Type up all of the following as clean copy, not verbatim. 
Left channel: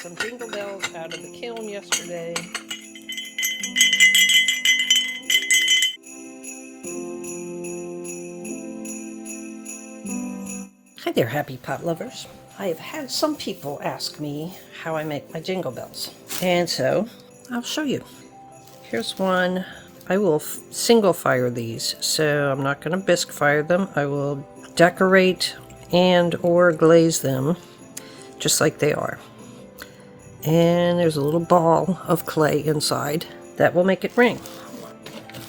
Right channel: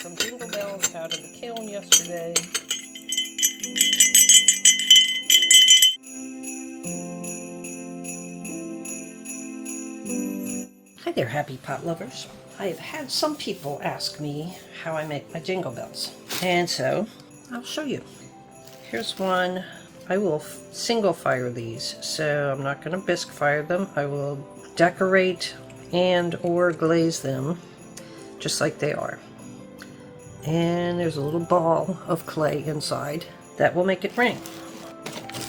some Jingle bells out of the kiln yesterday. Hi there, happy pot lovers. I have had some people ask me how I make my Jingle bells, and so I'll show you. Here's one. I will single fire these, so I'm not going to bisque fire them. I will decorate and or glaze them just like they are. And there's a little ball of clay inside that will make it ring.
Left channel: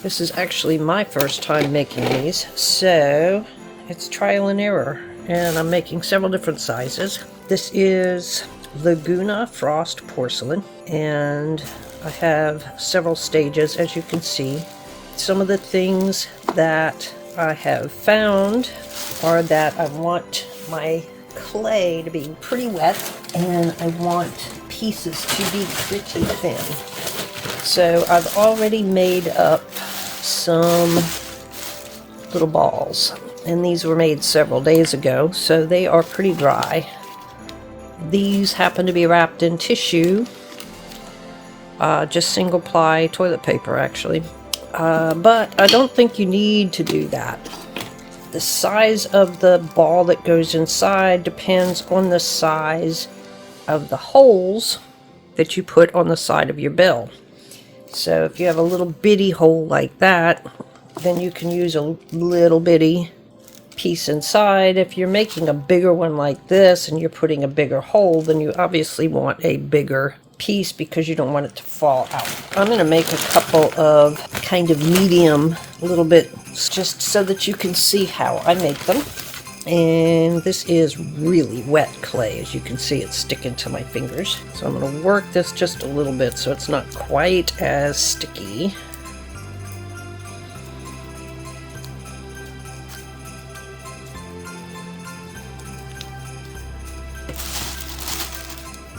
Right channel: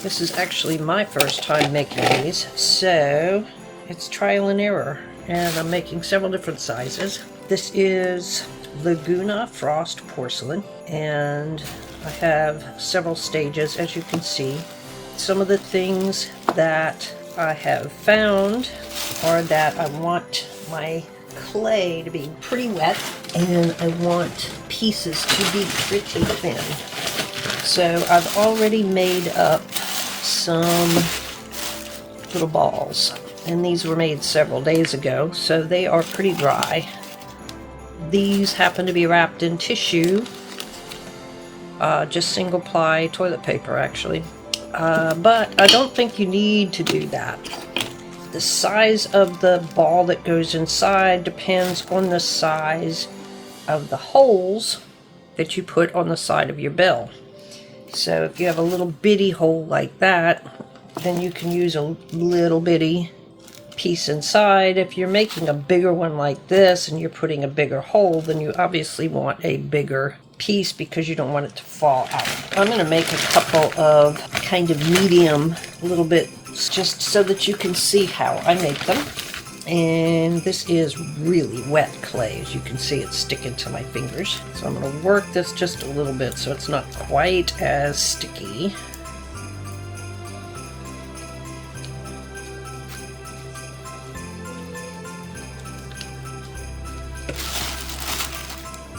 This is actually my first time making these, so it's trial and error. And I'm making several different sizes. This is Laguna Frost porcelain, and I have several stages, as you can see. Some of the things that I have found are that I want my clay to be pretty wet, and I want pieces to be pretty thin. So I've already made up some little balls, and these were made several days ago, so they are pretty dry. These happen to be wrapped in tissue, just single ply toilet paper actually, but I don't think you need to do that. The size of the ball that goes inside depends on the size of the holes that you put on the side of your bell. So if you have a little bitty hole like that, then you can use a little bitty piece inside. If you're making a bigger one like this and you're putting a bigger hole, then you obviously want a bigger piece because you don't want it to fall out. I'm going to make a couple of kind of medium little bit just so that you can see how I make them. And this is really wet clay. As you can see, it's sticking to my fingers. So I'm going to work this just a little bit so it's not quite as sticky.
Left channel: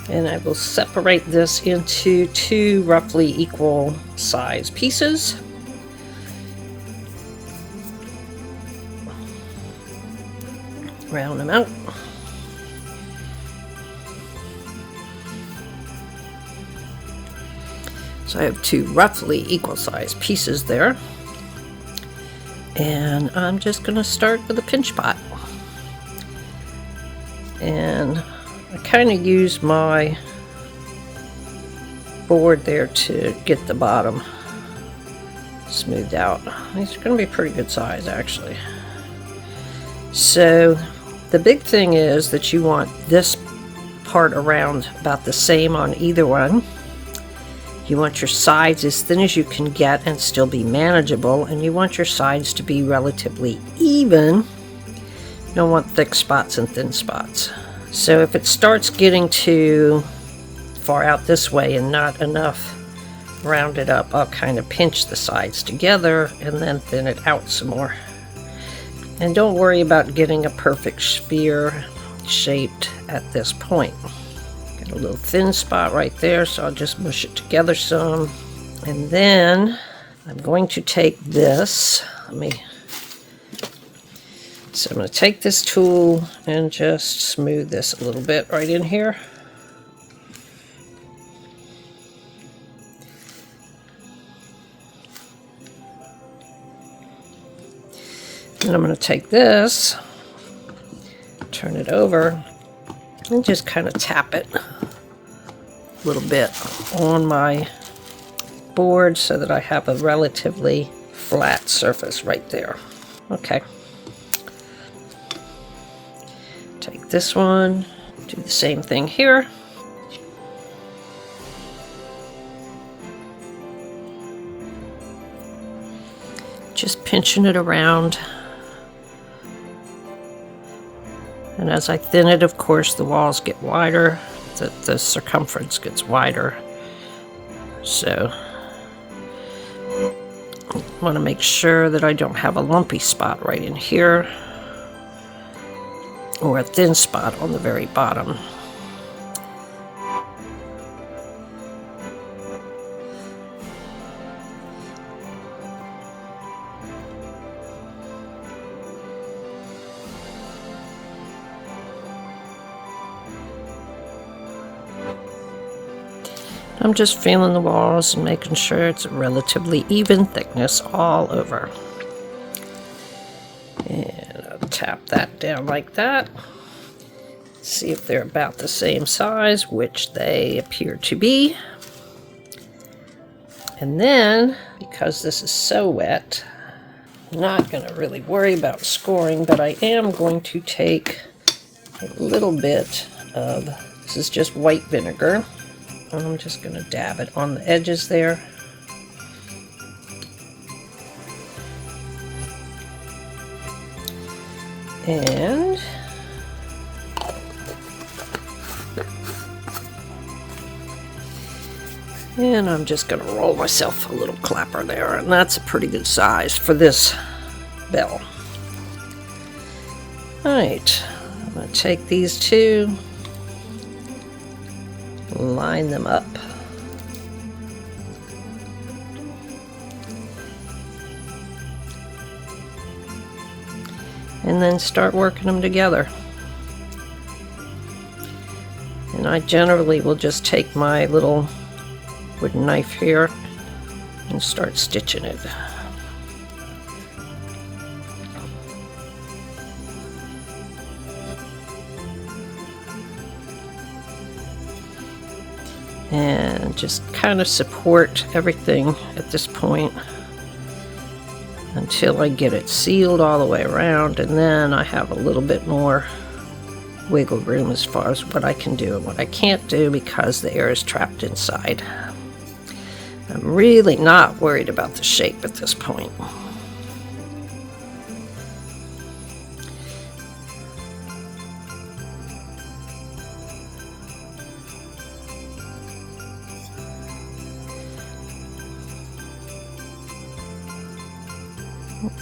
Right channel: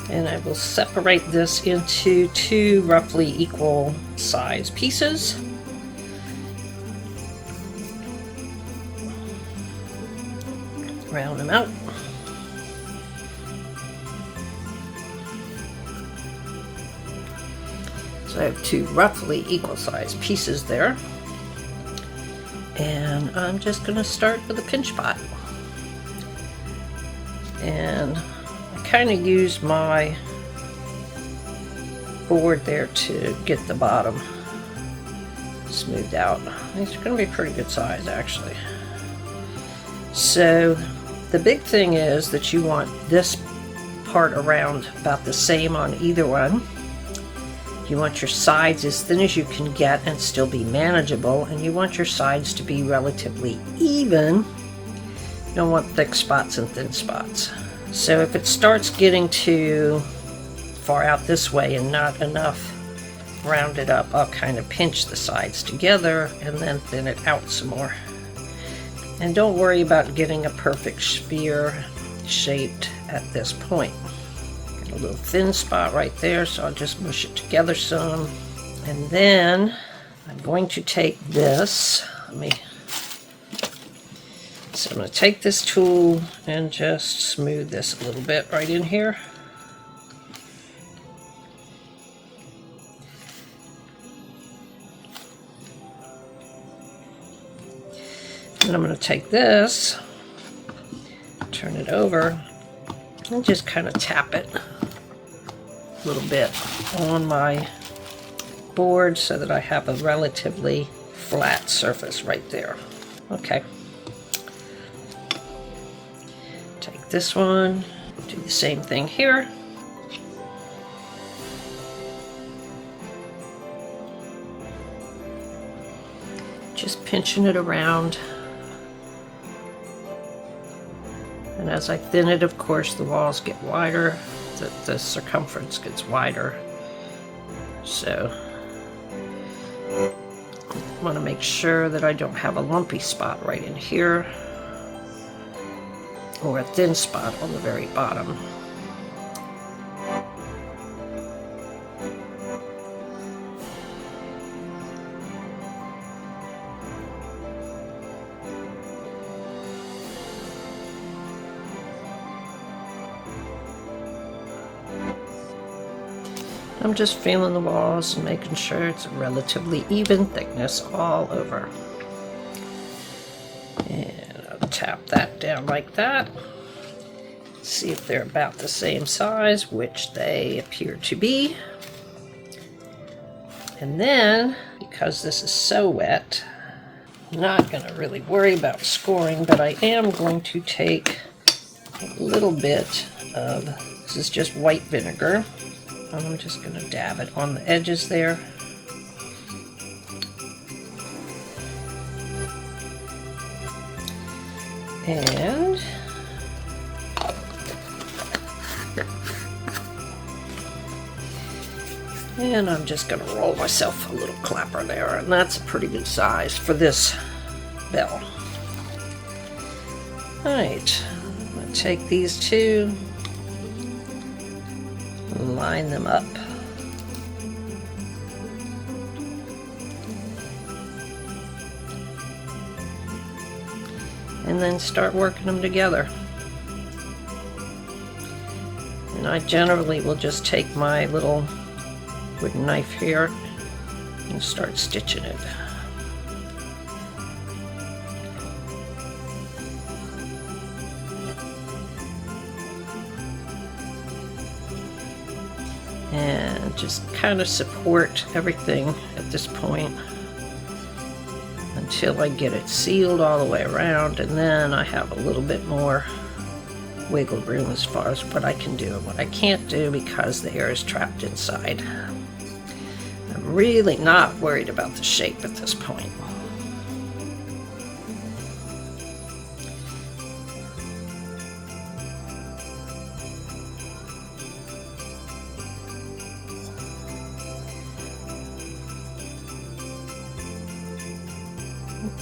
And I will separate this into two roughly equal size pieces. Round them out. So I have two roughly equal size pieces there. And I'm just going to start with a pinch pot. And I kind of use my board there to get the bottom smoothed out. These are going to be pretty good size actually. So the big thing is that you want this part around about the same on either one. You want your sides as thin as you can get and still be manageable, and you want your sides to be relatively even. You don't want thick spots and thin spots. So if it starts getting too far out this way and not enough rounded up, I'll kind of pinch the sides together and then thin it out some more. And don't worry about getting a perfect sphere shaped at this point. Got a little thin spot right there, so I'll just mush it together some. And then I'm going to take this, so I'm going to take this tool and just smooth this a little bit right in here. Then I'm going to take this, turn it over, and just kind of tap it a little bit on my board so that I have a relatively flat surface right there. Okay. Take this one, do the same thing here. Just pinching it around. And as I thin it, of course, the walls get wider, the circumference gets wider. So I want to make sure that I don't have a lumpy spot right in here or a thin spot on the very bottom. I'm just feeling the walls and making sure it's a relatively even thickness all over. And I'll tap that down like that. See if they're about the same size, which they appear to be. And then, because this is so wet, I'm not going to really worry about scoring, but I am going to take a little bit of, this is just white vinegar. I'm just going to dab it on the edges there. And I'm just going to roll myself a little clapper there, and that's a pretty good size for this bell. Alright, I'm going to take these two, line them up. And then start working them together. And I generally will just take my little wooden knife here and start stitching it. And just kind of support everything at this point until I get it sealed all the way around, and then I have a little bit more wiggle room as far as what I can do and what I can't do because the air is trapped inside. I'm really not worried about the shape at this point.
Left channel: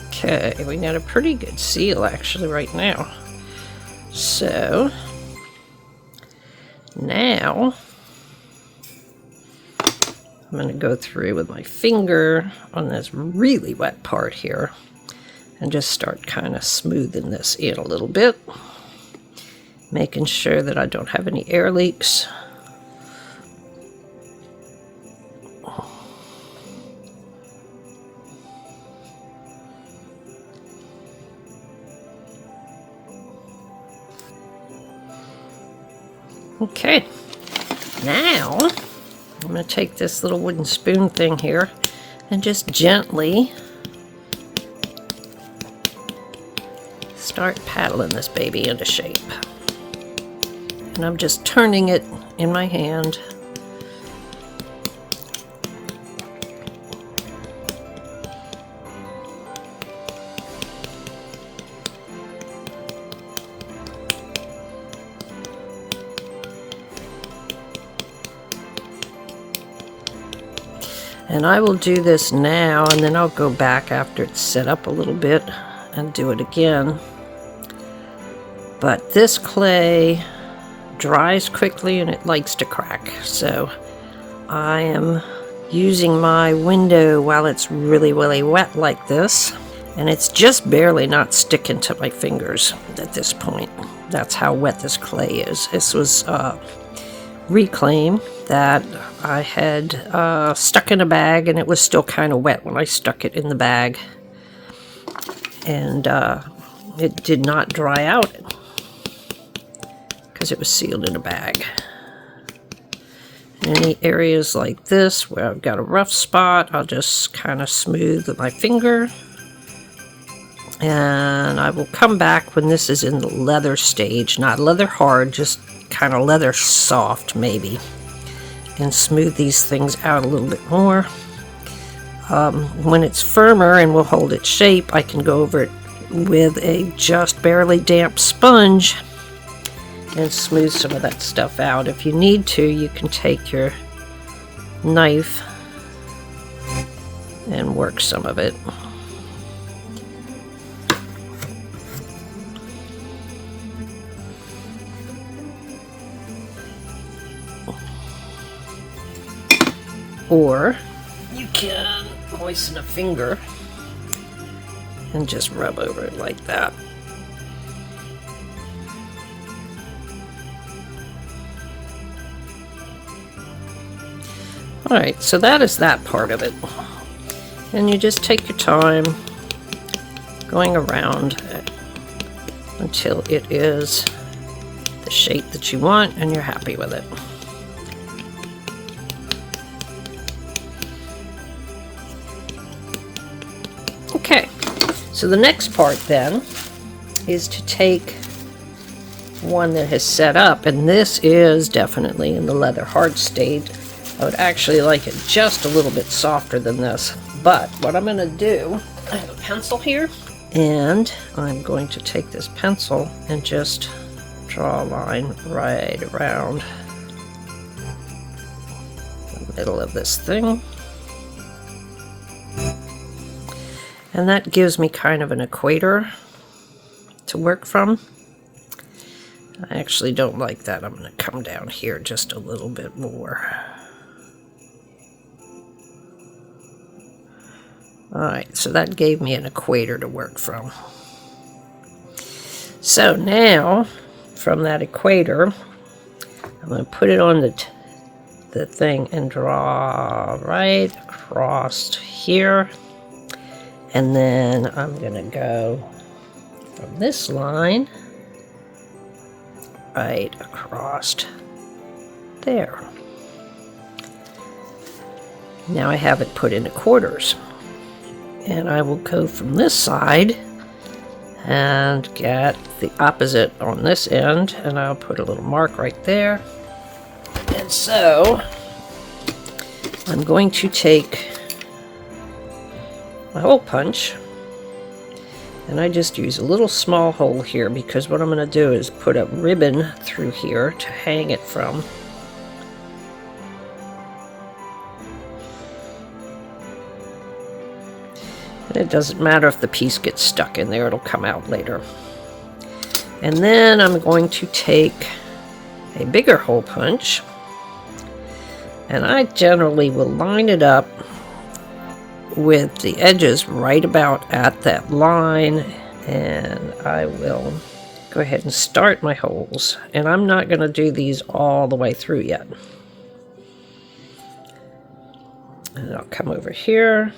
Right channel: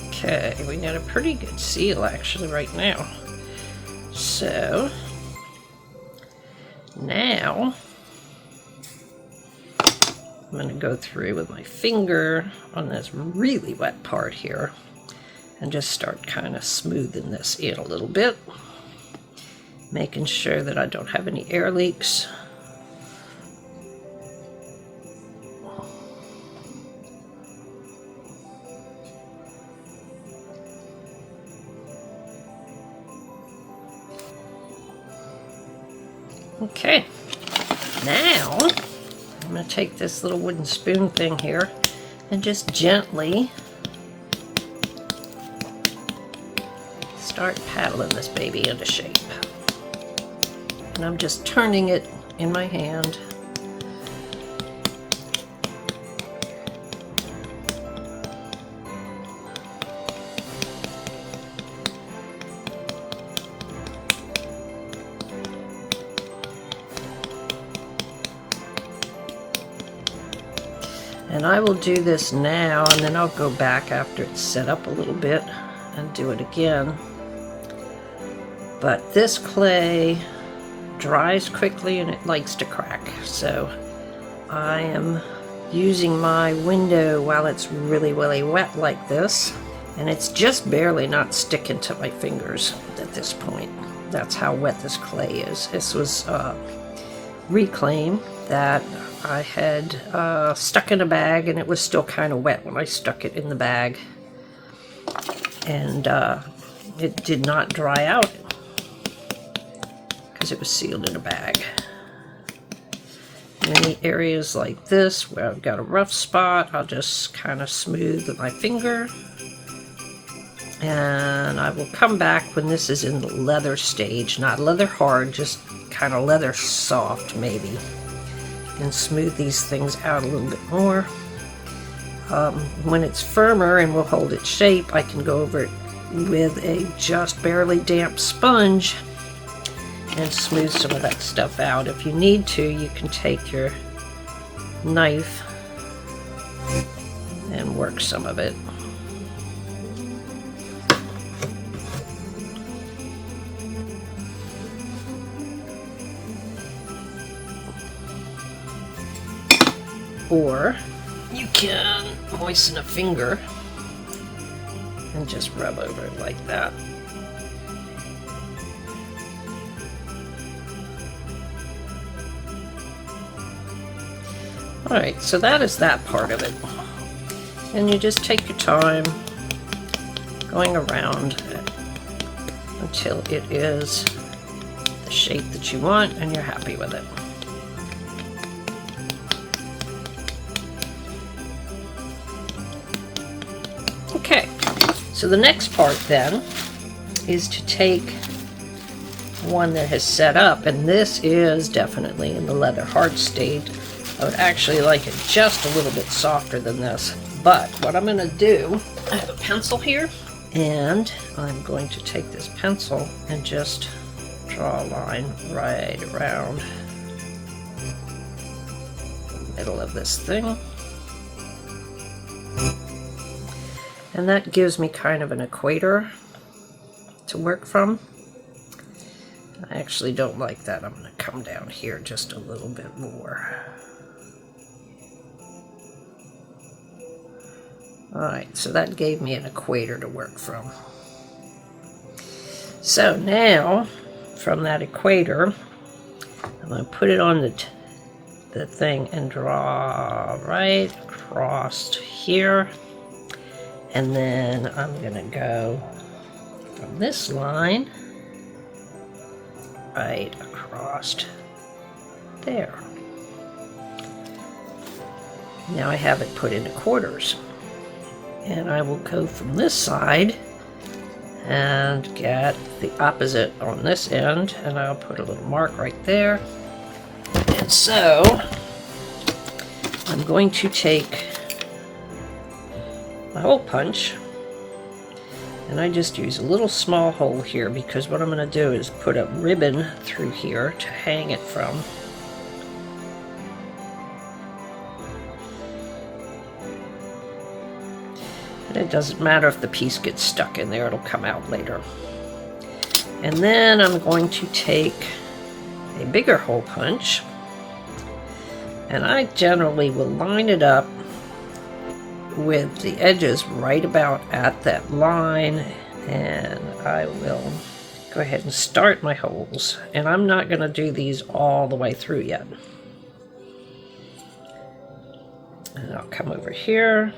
Okay, we got a pretty good seal actually right now. So now I'm going to go through with my finger on this really wet part here and just start kind of smoothing this in a little bit, making sure that I don't have any air leaks. Okay, now I'm going to take this little wooden spoon thing here and just gently start paddling this baby into shape. And I'm just turning it in my hand. And I will do this now, and then I'll go back after it's set up a little bit and do it again. But this clay dries quickly and it likes to crack, so I am using my window while it's really, really wet like this, and it's just barely not sticking to my fingers at this point. That's how wet this clay is. This was reclaim that I had stuck in a bag, and it was still kind of wet when I stuck it in the bag, and it did not dry out because it was sealed in a bag. Any areas like this where I've got a rough spot, I'll just kind of smooth with my finger, and I will come back when this is in the leather stage, not leather hard, just kind of leather soft maybe, and smooth these things out a little bit more. When it's firmer and will hold its shape, I can go over it with a just barely damp sponge and smooth some of that stuff out. If you need to, you can take your knife and work some of it. Or you can moisten a finger and just rub over it like that. Alright, so that is that part of it. And you just take your time going around until it is the shape that you want and you're happy with it. Okay, so the next part then is to take one that has set up, and this is definitely in the leather hard state. I would actually like it just a little bit softer than this, but what I'm going to do, I have a pencil here, and I'm going to take this pencil and just draw a line right around the middle of this thing. And that gives me kind of an equator to work from. I actually don't like that. I'm going to come down here just a little bit more. Alright, so that gave me an equator to work from. So now, from that equator, I'm going to put it on the thing and draw right across here. And then I'm going to go from this line right across there. Now I have it put into quarters. And I will go from this side and get the opposite on this end, and I'll put a little mark right there. And so I'm going to take a hole punch, and I just use a little small hole here because what I'm going to do is put a ribbon through here to hang it from. And it doesn't matter if the piece gets stuck in there, it'll come out later. And then I'm going to take a bigger hole punch, and I generally will line it up with the edges right about at that line, and I will go ahead and start my holes. And I'm not going to do these all the way through yet. And I'll come over here,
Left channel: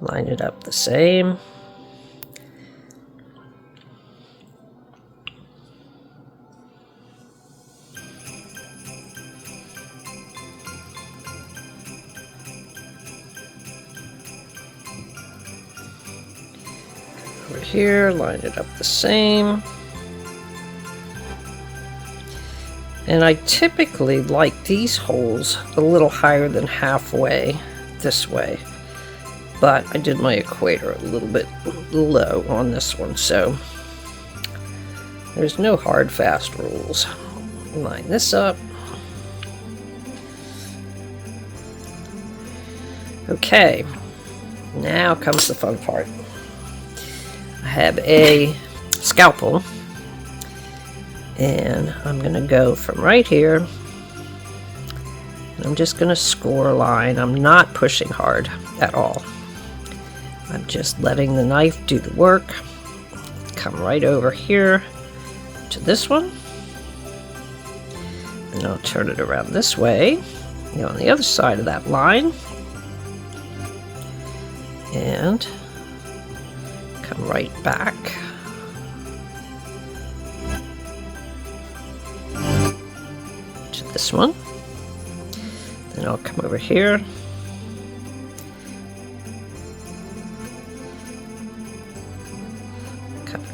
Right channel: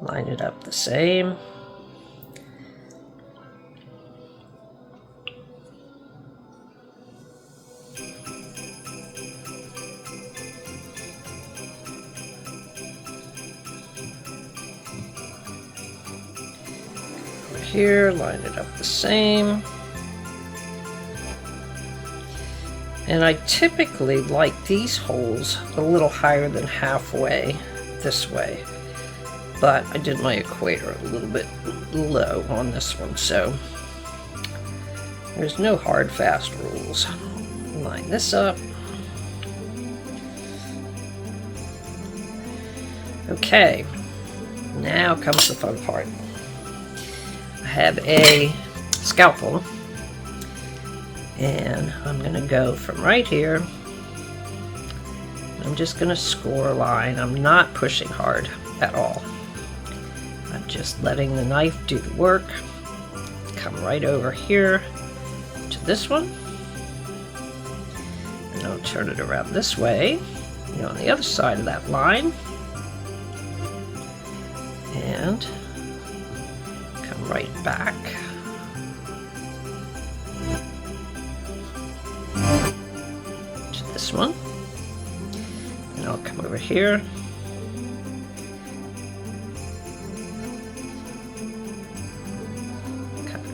line it up the same. Over here, line it up the same. And I typically like these holes a little higher than halfway this way. But I did my equator a little bit low on this one, so there's no hard, fast rules. Line this up. Okay, now comes the fun part. I have a scalpel, and I'm going to go from right here. I'm just going to score a line. I'm not pushing hard at all. I'm just letting the knife do the work. Come right over here to this one. And I'll turn it around this way, on the other side of that line. And come right back. To this one. Then I'll come over here.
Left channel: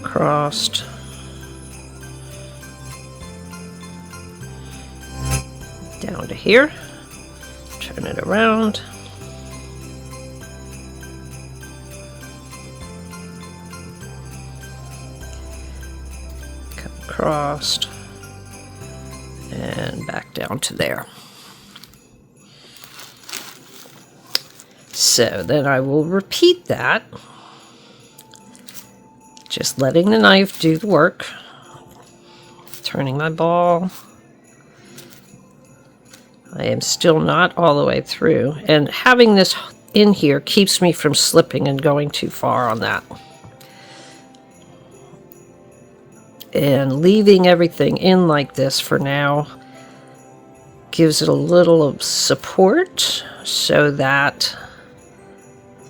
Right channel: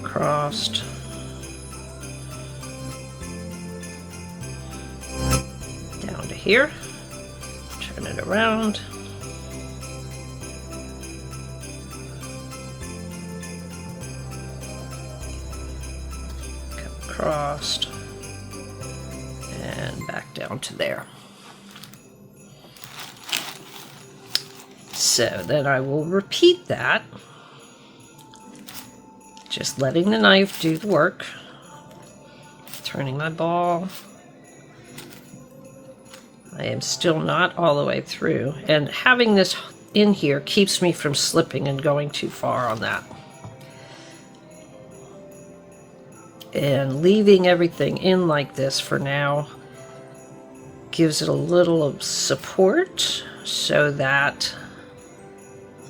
Crossed. Down to here. Turn it around. Come across. And back down to there. So then I will repeat that. Just letting the knife do the work. Turning my ball. I am still not all the way through. And having this in here keeps me from slipping and going too far on that. And leaving everything in like this for now gives it a little of support so that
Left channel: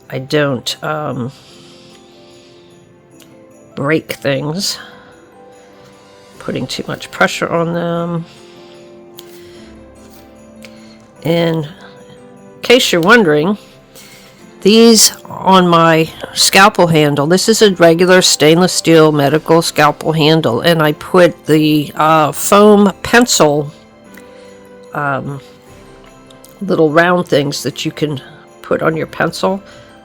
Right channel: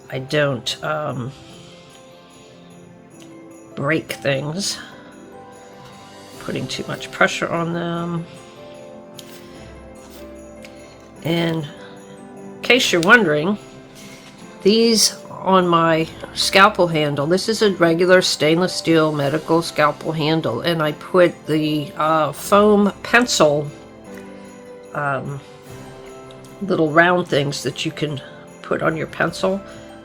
I don't break things, putting too much pressure on them. And in case you're wondering, these on my scalpel handle, this is a regular stainless steel medical scalpel handle, and I put the foam pencil little round things that you can put on your pencil.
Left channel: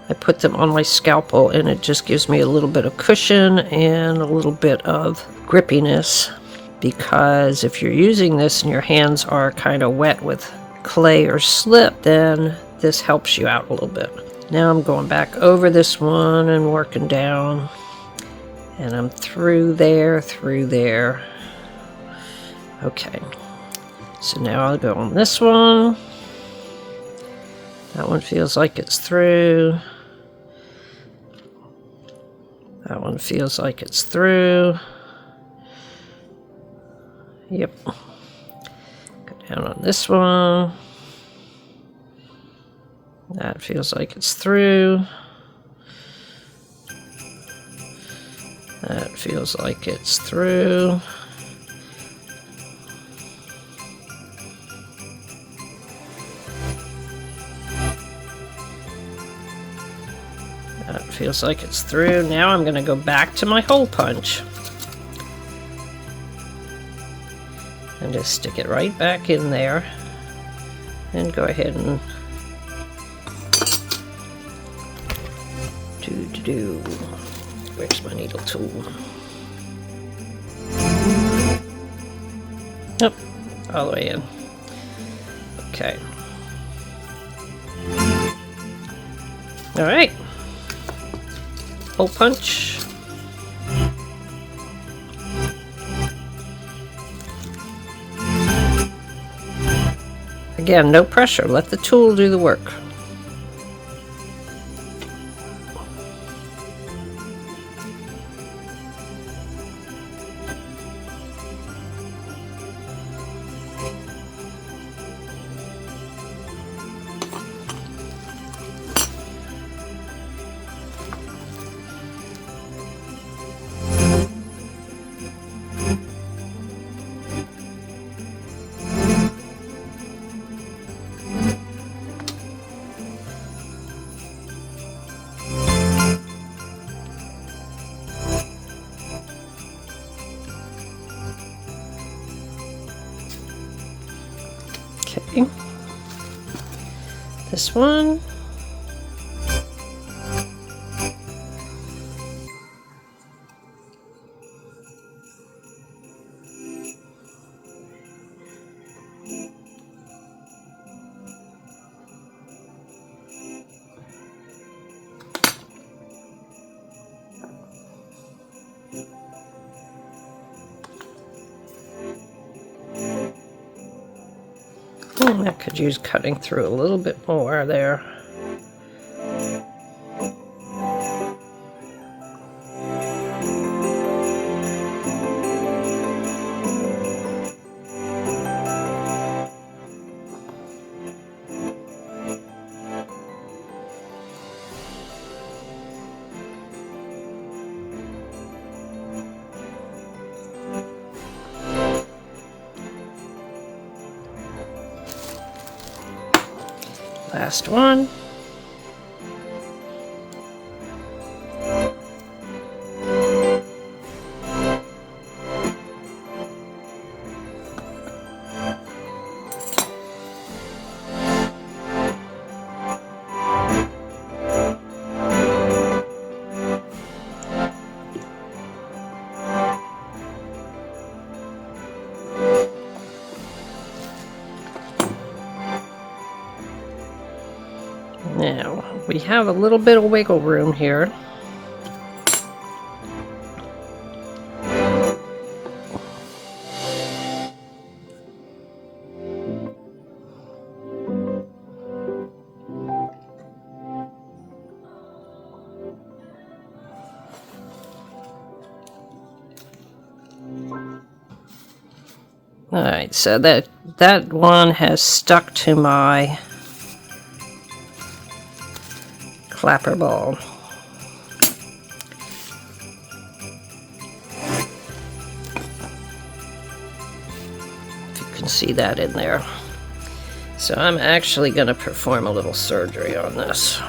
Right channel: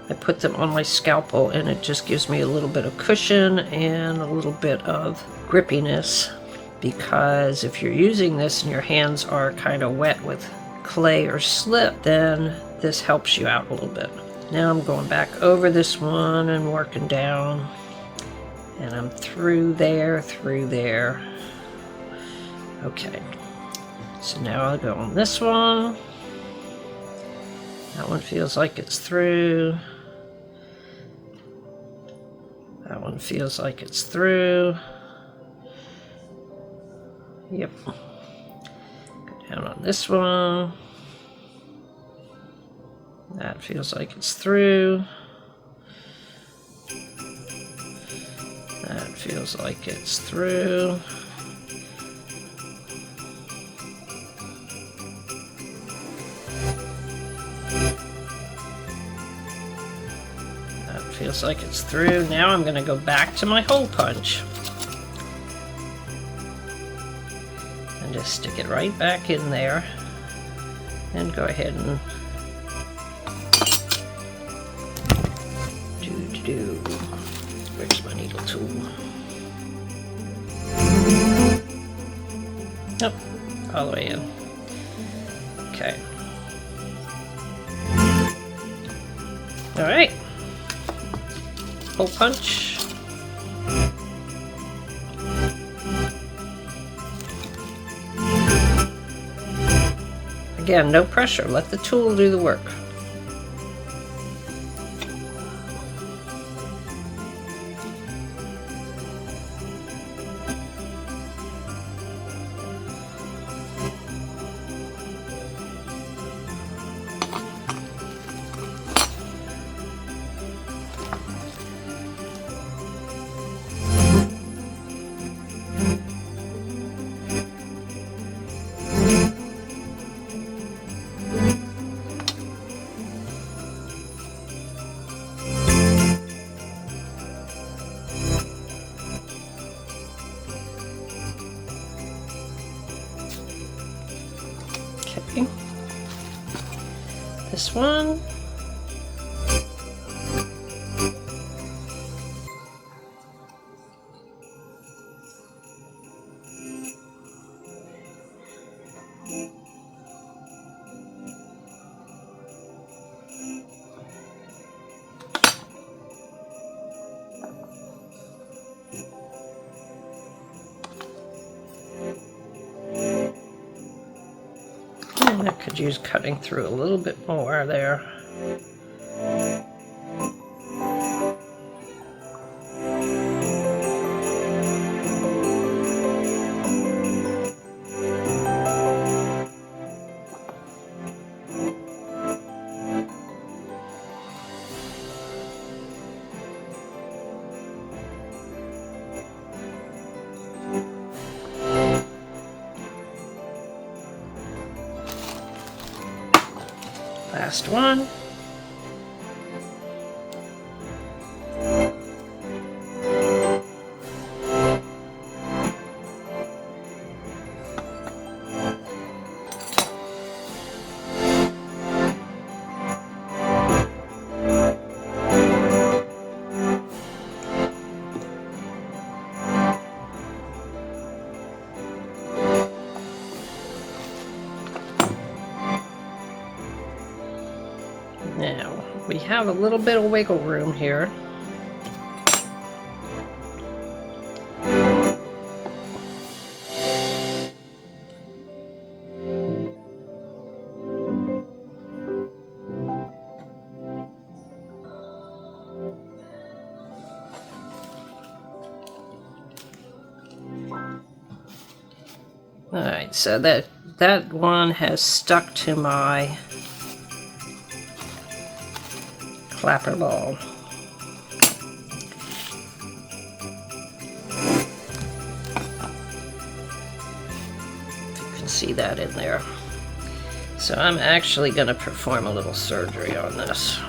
I put them on my scalpel, and it just gives me a little bit of cushion and a little bit of grippiness, because if you're using this and your hands are kind of wet with clay or slip, then this helps you out a little bit. Now I'm going back over this one and working down, and I'm through there. Okay, so now I'll go on this one. That one feels like it's through. That one feels like it's through. Yep. Go down on this one. That feels like it's through. That feels like it's through. That feels like it's through. Now I'm going to go back to my hole punch and just stick it right back in there and go ahead and where's my needle tool? Nope, all the way in. Okay. All right. Hole punch. Again, no pressure. Let the tool do the work. Okay, this one. And I could use cutting through a little bit more there. Last one. Now, we have a little bit of wiggle room here. Alright, so that one has stuck to my clapper ball. If you can see that in there. So I'm actually going to perform a little surgery on this.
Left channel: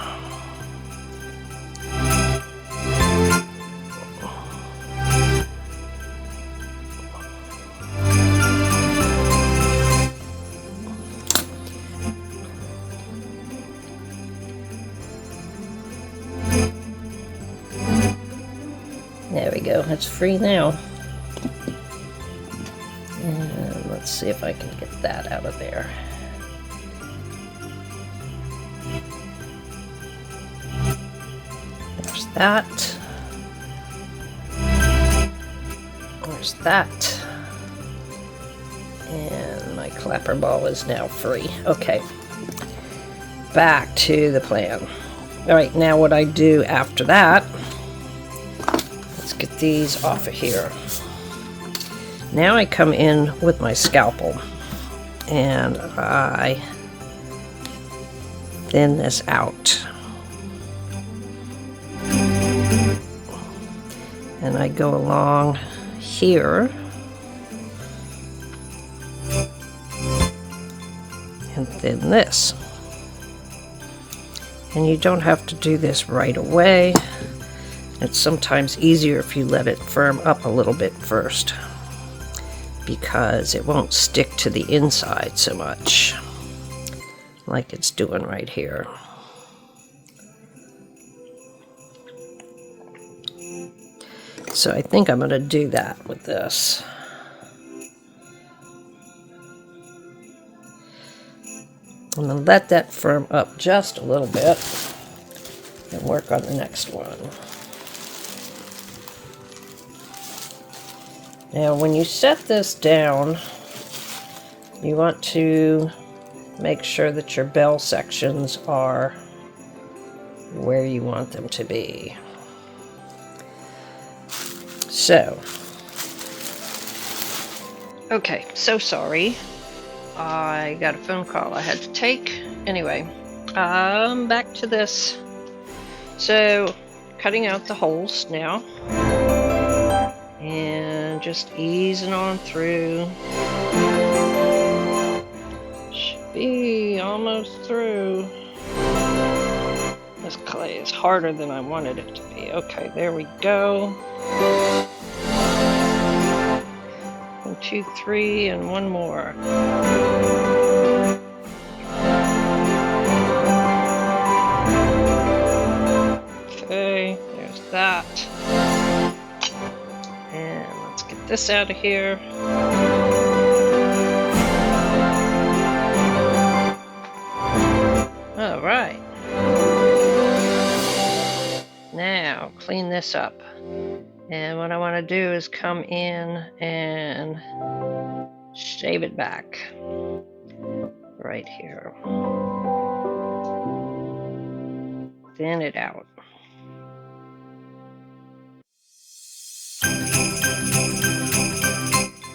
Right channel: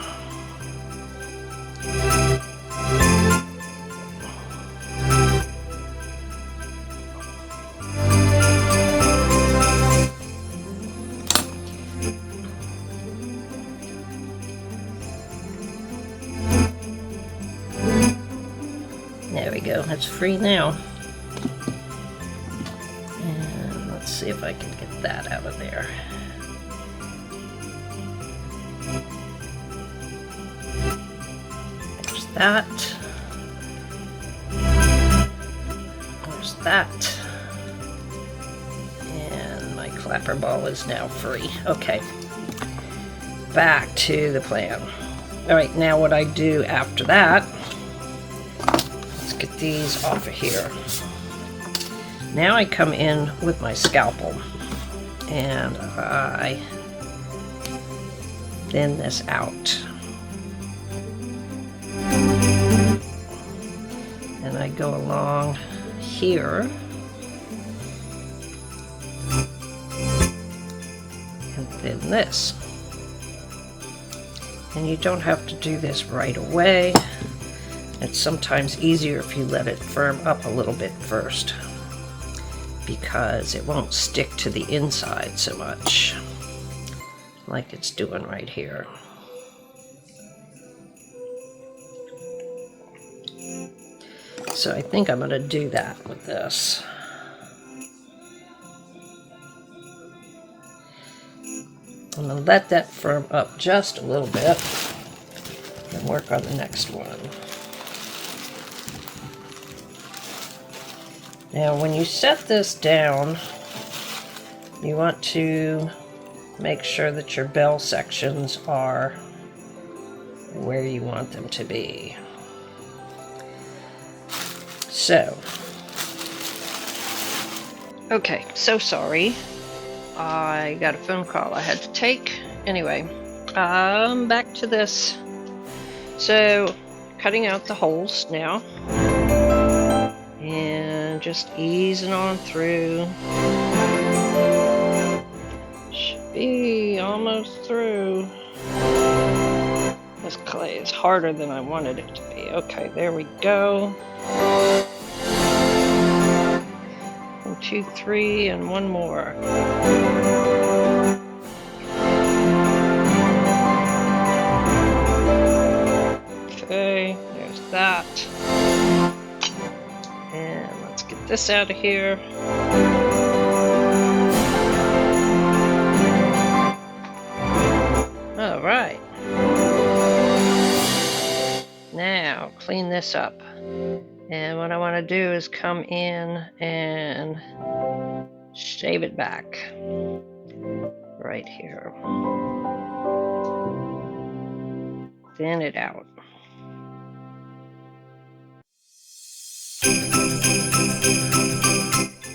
There we go, that's free now. And let's see if I can get that out of there. There's that. There's that. And my clapper ball is now free. Okay, back to the plan. All right, now what I do after that, let's get these off of here. Now I come in with my scalpel and I thin this out. And I go along here and thin this. And you don't have to do this right away. It's sometimes easier if you let it firm up a little bit first, because it won't stick to the inside so much like it's doing right here. So I think I'm going to do that with this. I'm going to let that firm up just a little bit and work on the next one. Now when you set this down, you want to make sure that your bell sections are where you want them to be. So, okay, so sorry. I got a phone call I had to take. Anyway, back to this. So, cutting out the holes now. And just easing on through. Should be almost through. This clay is harder than I wanted it to be. Okay, there we go. 1, 2, 3, and one more. Okay, there's that. And let's get this out of here. All right. Now, clean this up. And what I want to do is come in and shave it back right here. Thin it out.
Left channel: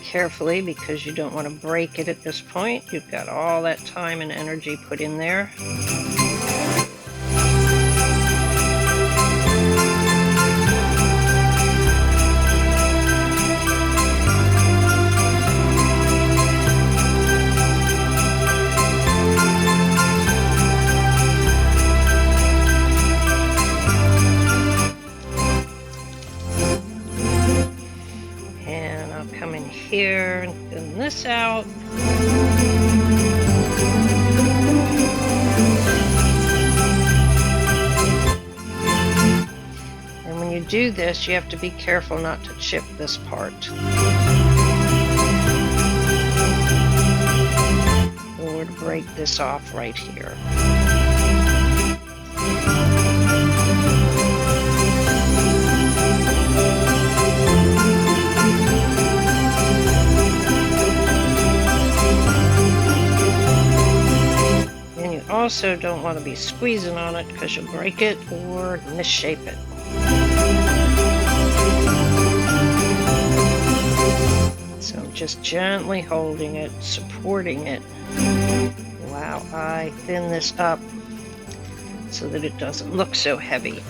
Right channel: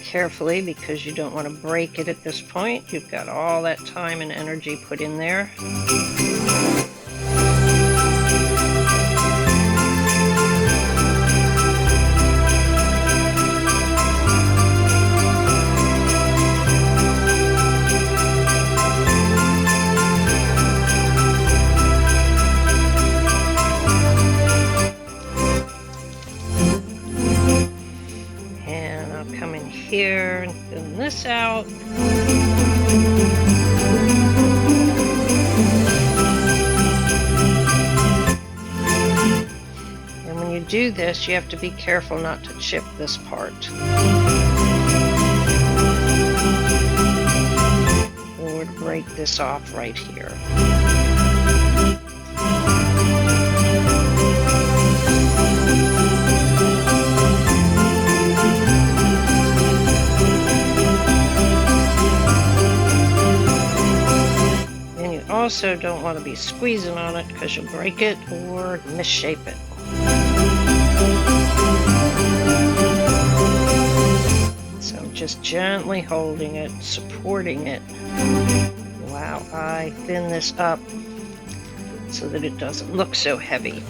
Carefully, because you don't want to break it at this point. You've got all that time and energy put in there. Come in here and thin this out. And when you do this, you have to be careful not to chip this part, or to break this off right here. Also don't want to be squeezing on it because you'll break it or misshape it. So I'm just gently holding it, supporting it while I thin this up so that it doesn't look so heavy.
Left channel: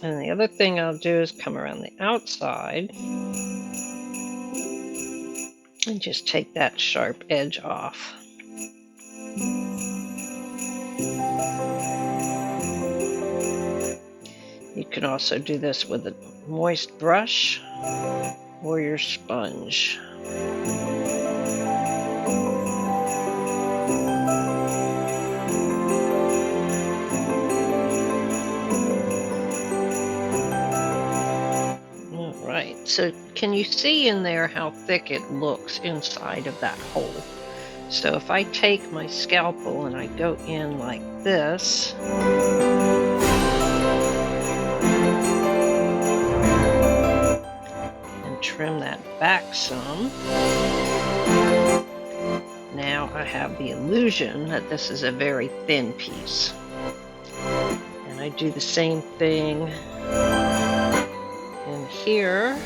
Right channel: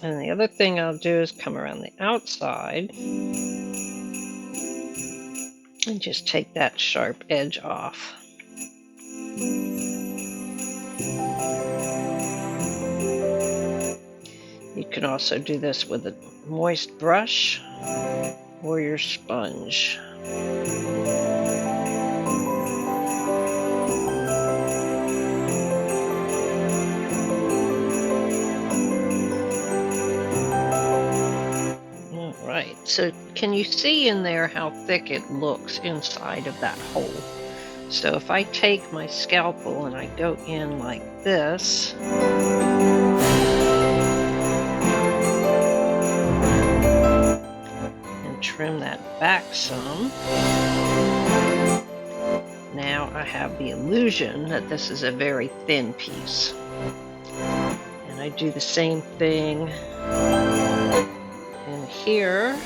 And the other thing I'll do is come around the outside and just take that sharp edge off. You can also do this with a moist brush or your sponge. Right, so can you see in there how thick it looks inside of that hole? So if I take my scalpel and I go in like this, and trim that back some, now I have the illusion that this is a very thin piece. And I do the same thing in here.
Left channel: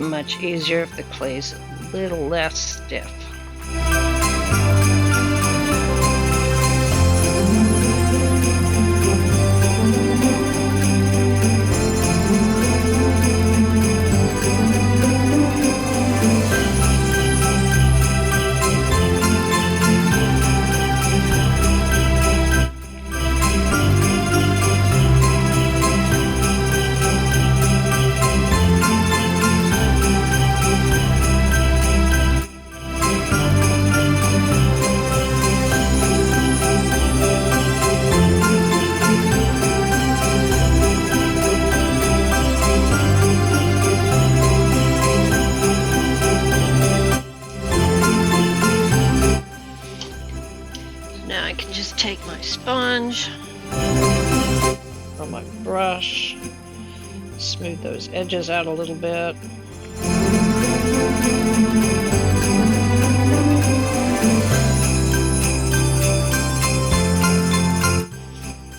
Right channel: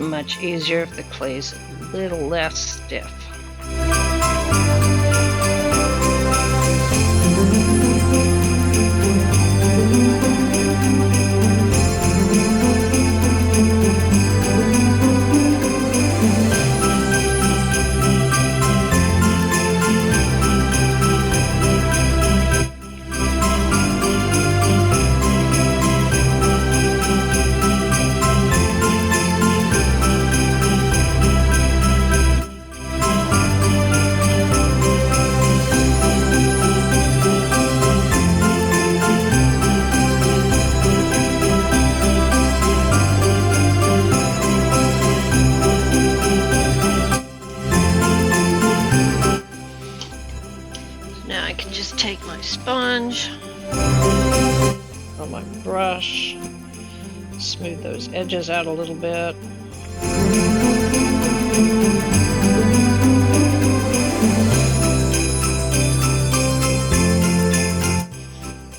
Much easier if the clay is a little less stiff. Now I can just take my sponge or my brush, smooth those edges out a little bit.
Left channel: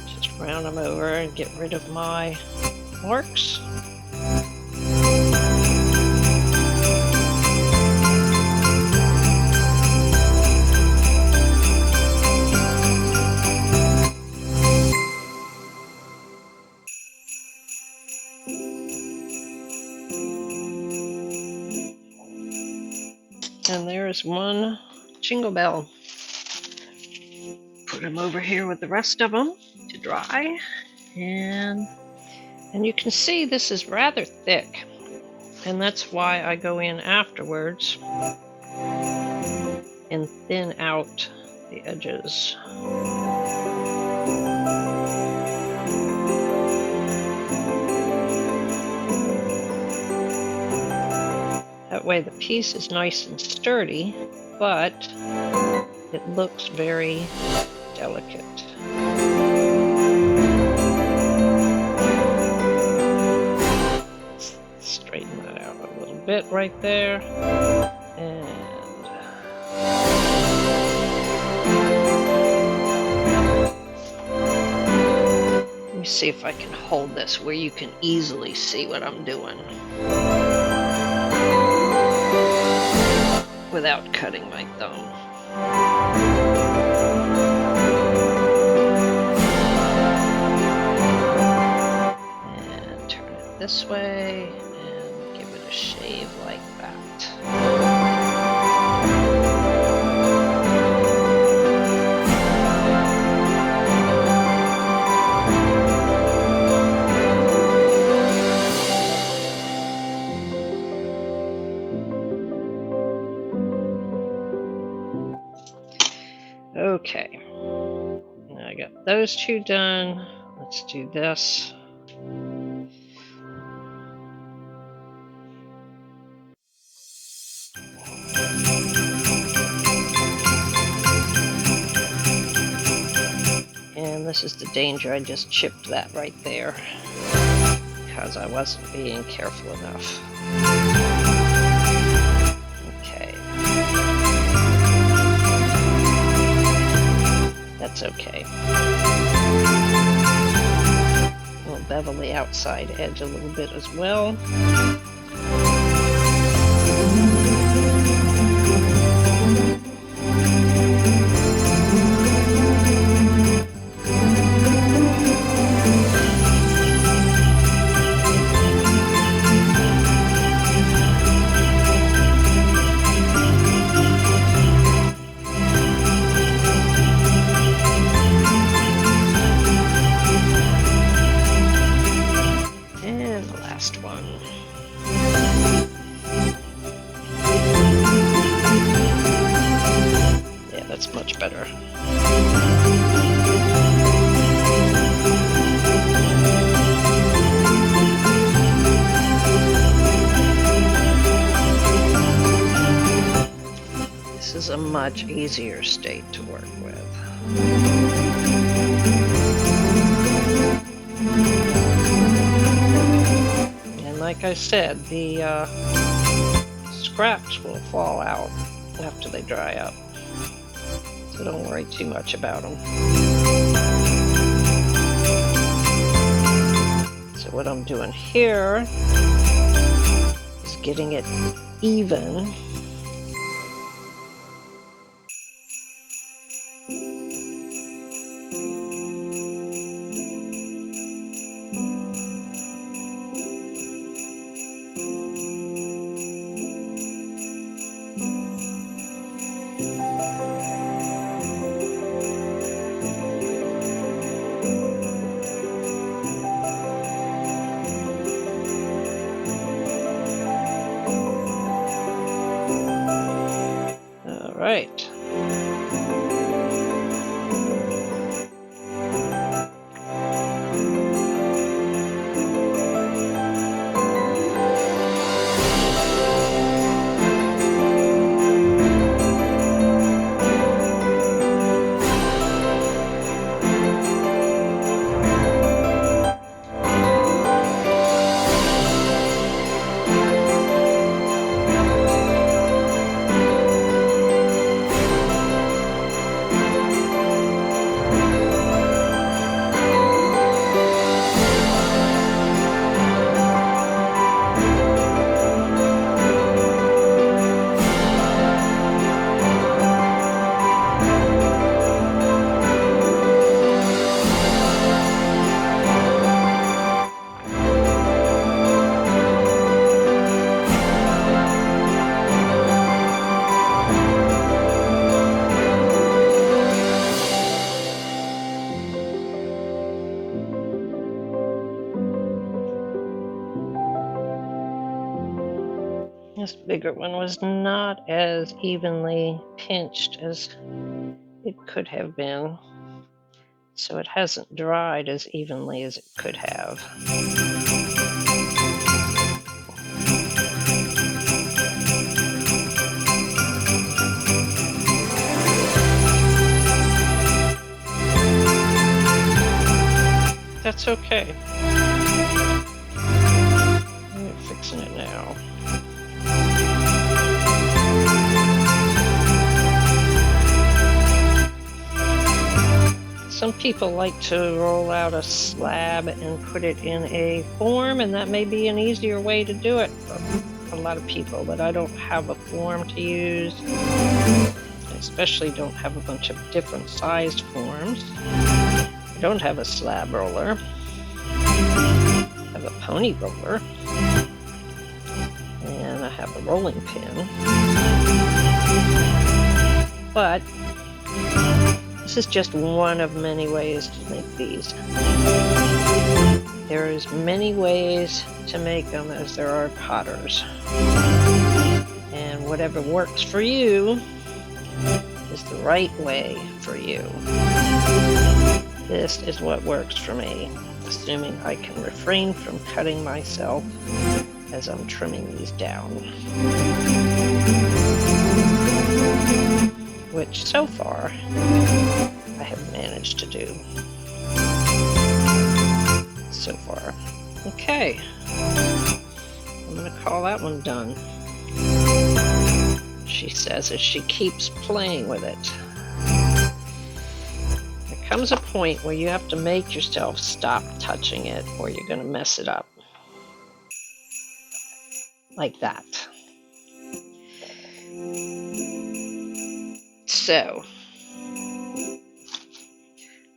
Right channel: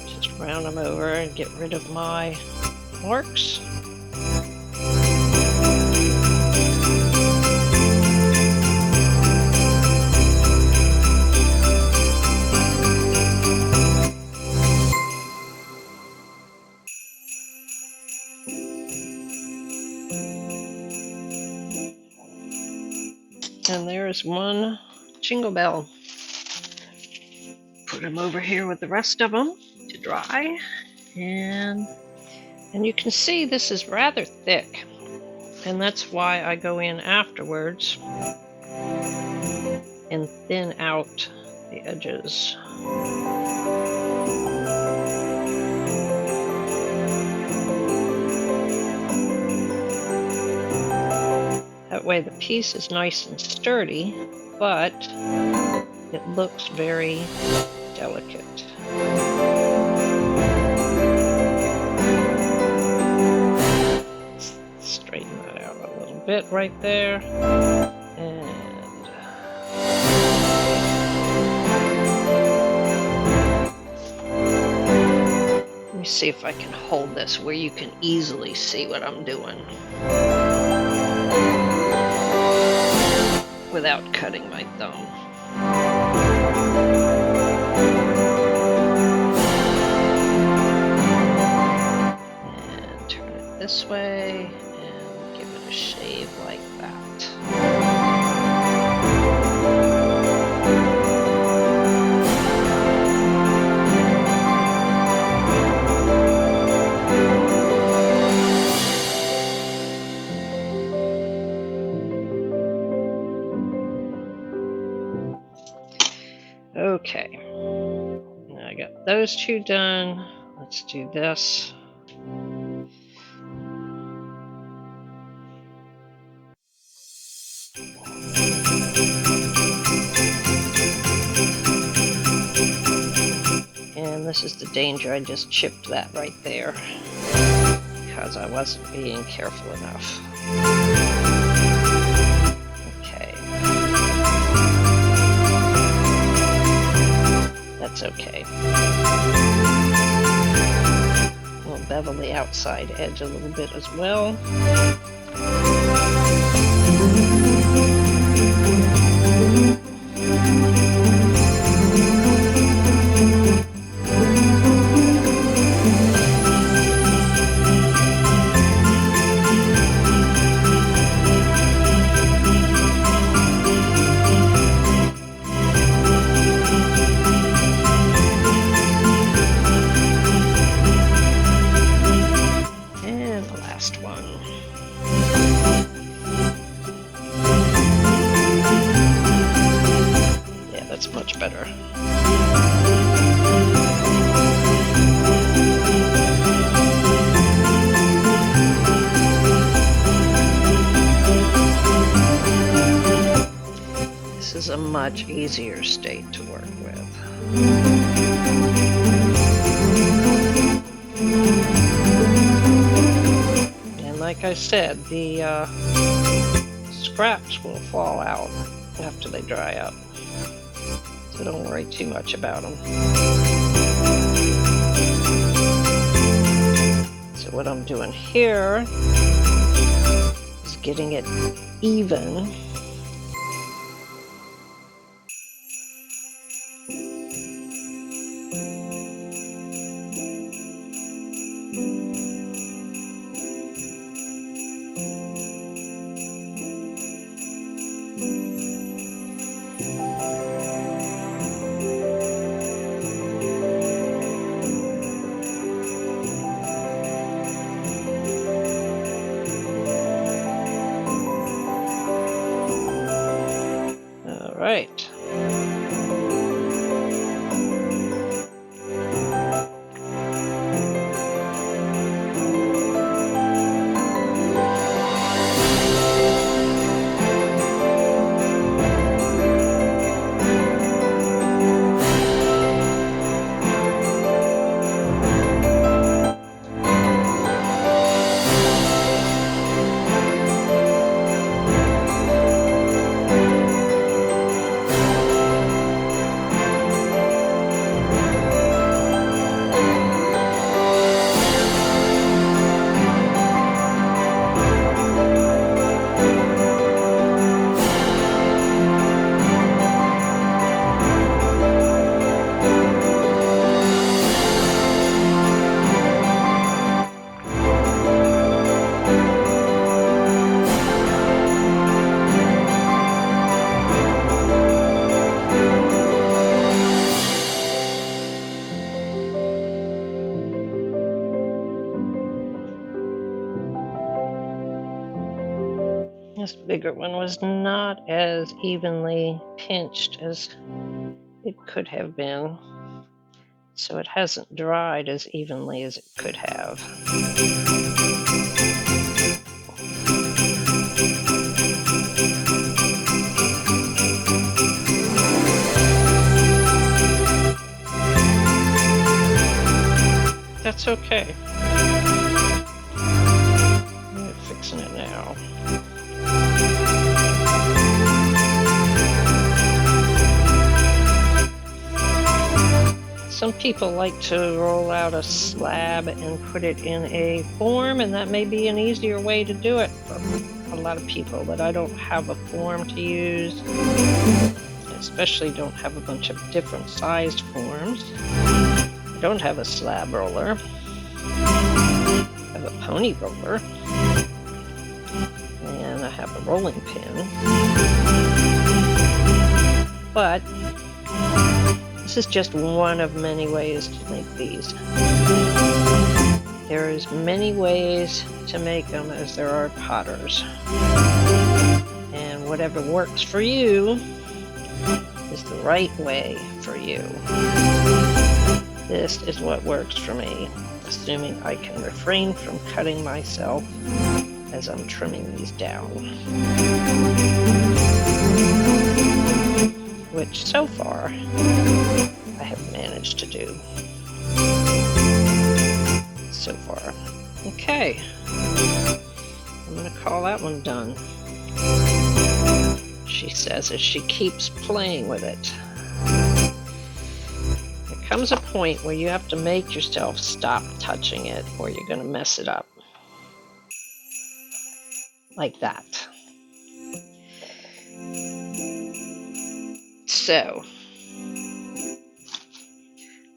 Just round them over and get rid of my marks. And there's one jingle bell. Put them over here with the rest of them to dry. And you can see this is rather thick. And that's why I go in afterwards and thin out the edges. That way the piece is nice and sturdy, but it looks very delicate. Let's straighten that out a little bit right there. And let me see if I can hold this where you can easily see what I'm doing without cutting my thumb. And turn it this way and give it a shave like that. Okay, now I got those two done. Let's do this. And this is the danger, I just chipped that right there because I wasn't being careful enough. Okay. That's okay. We'll bevel the outside edge a little bit as well. One. Yeah, that's much better. This is a much easier state to work with. Like I said, the scraps will fall out after they dry up, so don't worry too much about them. So what I'm doing here is getting it even. All right. This bigger one was not as evenly pinched as it could have been, so it hasn't dried as evenly as it could have. That's okay. I'm fixing it now. Some people like to roll out a slab and put it in a form, and that may be an easier way to do it for a lot of people, but I don't have a form to use. I especially don't have a bunch of different sized forms. I don't have a slab roller. I have a pony roller. And I have a rolling pin. But this is just one of many ways to make these. There is many ways to make them as there are potters. And whatever works for you is the right way for you. This is what works for me, assuming I can refrain from cutting myself as I'm trimming these down. Which so far I have managed to do. So far. Okay. I'm gonna call that one done. She says as she keeps playing with it. There comes a point where you have to make yourself stop touching it or you're gonna mess it up. Like that. So,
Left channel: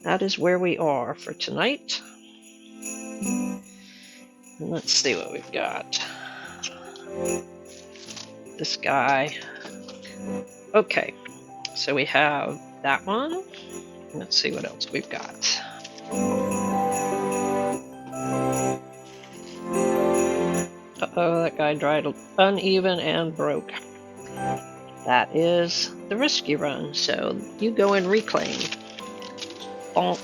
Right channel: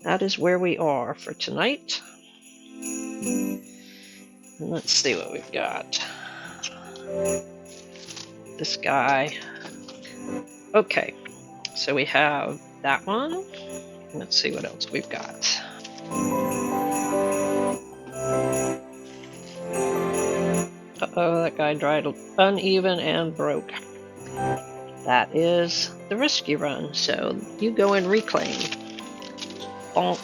that is where we are for tonight. And let's see what we've got. This guy. Okay, so we have that one. Let's see what else we've got. Uh-oh, that guy dried uneven and broke. That is the risky run, so you go and reclaim. Bonk.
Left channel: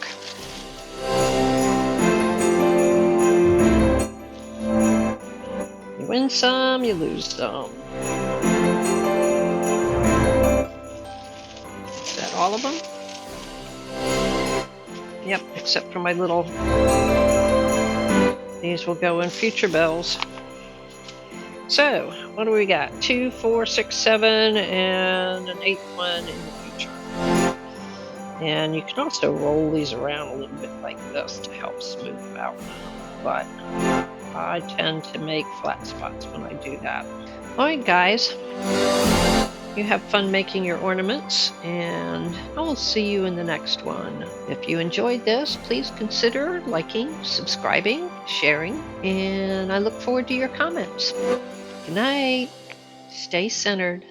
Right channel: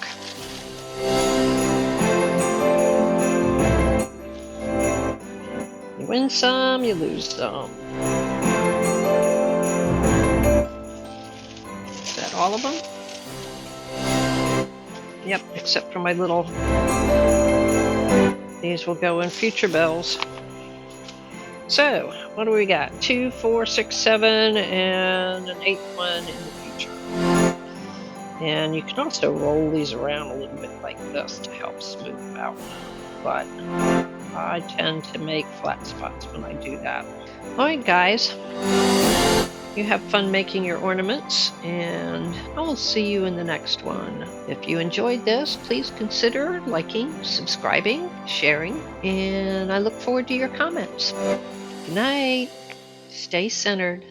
You win some, you lose some. Is that all of them? Yep, except for my little... These will go in future bells. So, what do we got? 2, 4, 6, 7, and an 8th one in the future. And you can also roll these around a little bit like this to help smooth them out. But I tend to make flat spots when I do that. Alright guys, you have fun making your ornaments, and I will see you in the next one. If you enjoyed this, please consider liking, subscribing, sharing, and I look forward to your comments. Good night. Stay centered.